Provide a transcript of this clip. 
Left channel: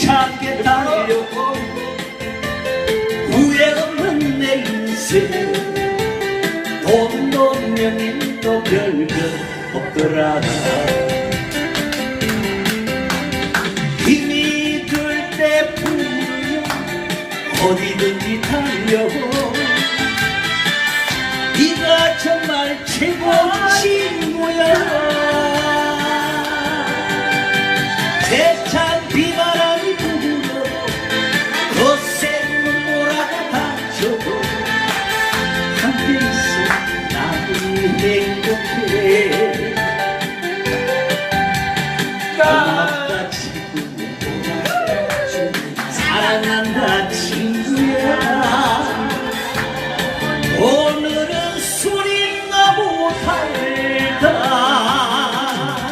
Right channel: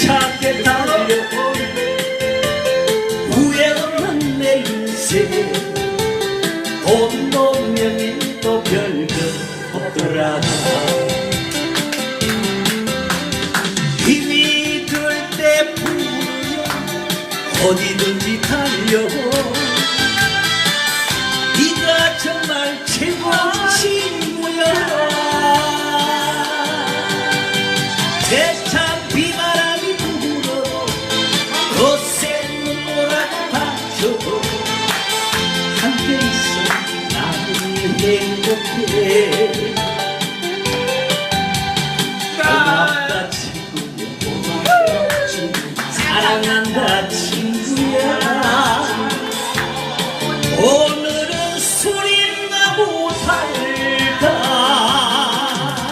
힘차게 달려온 후회 없는 내 인생. 돈 운명이 또 별별 없더라 힘이 들 때 부르면 어디든지 달려온 네가 정말 최고 친구야. 있어도 함께 있어 나는 행복해 고맙다 친구야 고맙다 사랑한다 친구야. 오늘은 술이나 못할까?